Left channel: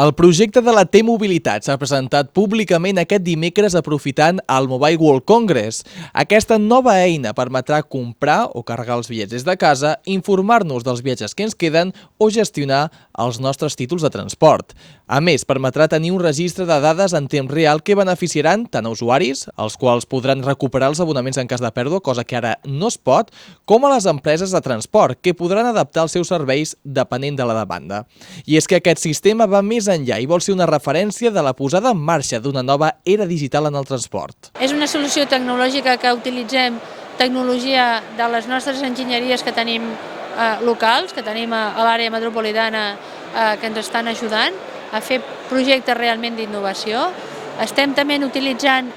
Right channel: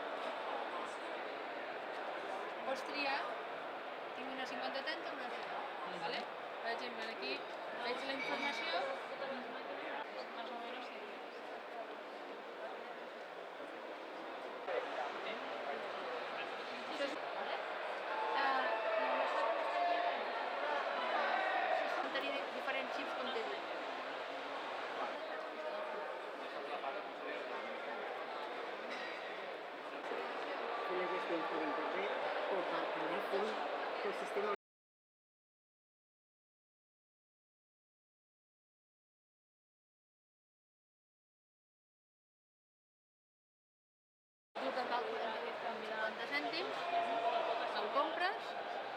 El projecte de la T-Mobilitat s'ha presentat públicament aquest dimecres aprofitant el Mobile World Congress. Aquesta nova eina permetrà comprar o carregar els bitllets des de casa, informar-nos dels viatges que ens queden o gestionar els nostres títols de transport. A més, permetrà tenir un registre de dades en temps real que beneficiaran tant a usuaris, els quals podran recuperar els abonaments en cas de pèrdua, cosa que ara no es pot, com a les empreses de transport, que podran adaptar els seus serveis depenent de la demanda. I és que aquest sistema va més enllà i vol ser una referència de la posada en marxa d'una nova era digital en el transport. És una solució tecnològica que utilitzem tecnologia de les nostres enginyeries que tenim locals, que tenim a l'àrea metropolitana que ens estan ajudant a fer projectes realment d'innovació. Estem també utilitzant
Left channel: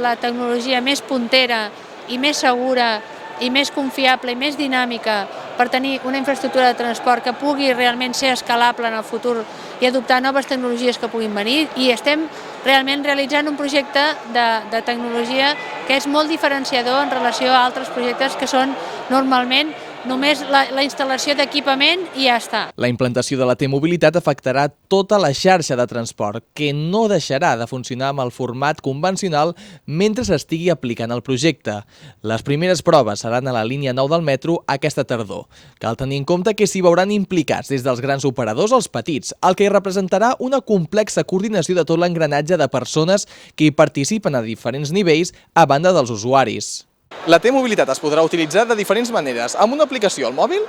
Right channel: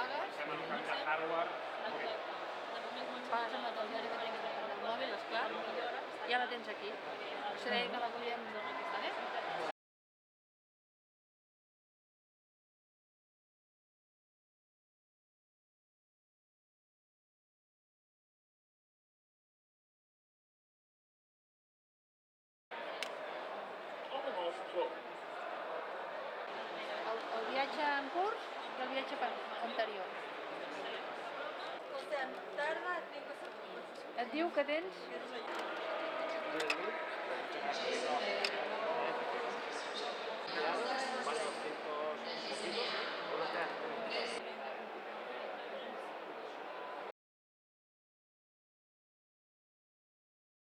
la tecnologia més puntera i més segura i més confiable i més dinàmica per tenir una infraestructura de transport que pugui realment ser escalable en el futur i adoptar noves tecnologies que puguin venir, i estem realment realitzant un projecte de tecnologia que és molt diferenciador en relació a altres projectes que són normalment només la instal·lació d'equipament i ja està. La implantació de la T-Mobilitat afectarà tota la xarxa de transport, que no deixarà de funcionar amb el format convencional mentre s'estigui aplicant el projecte. Les primeres proves seran a la línia 9 del metro aquesta tardor. Cal tenir en compte que s'hi veuran implicats des dels grans operadors als petits, el que representarà una complexa coordinació de tot l'engranatge de persones que hi participen a diferents nivells a banda dels usuaris. La T-Mobilitat es podrà utilitzar de diferents maneres, amb una aplicació al mòbil,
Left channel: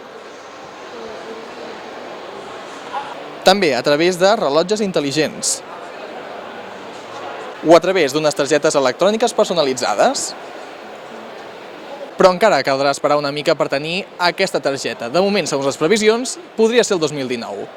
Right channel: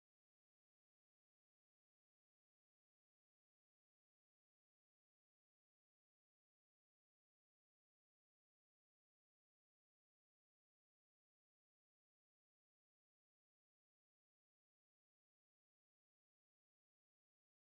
també a través de rellotges intel·ligents o a través d'unes targetes electròniques personalitzades. Però encara caldrà esperar una mica per tenir aquesta targeta. De moment, segons les previsions, podria ser el 2019.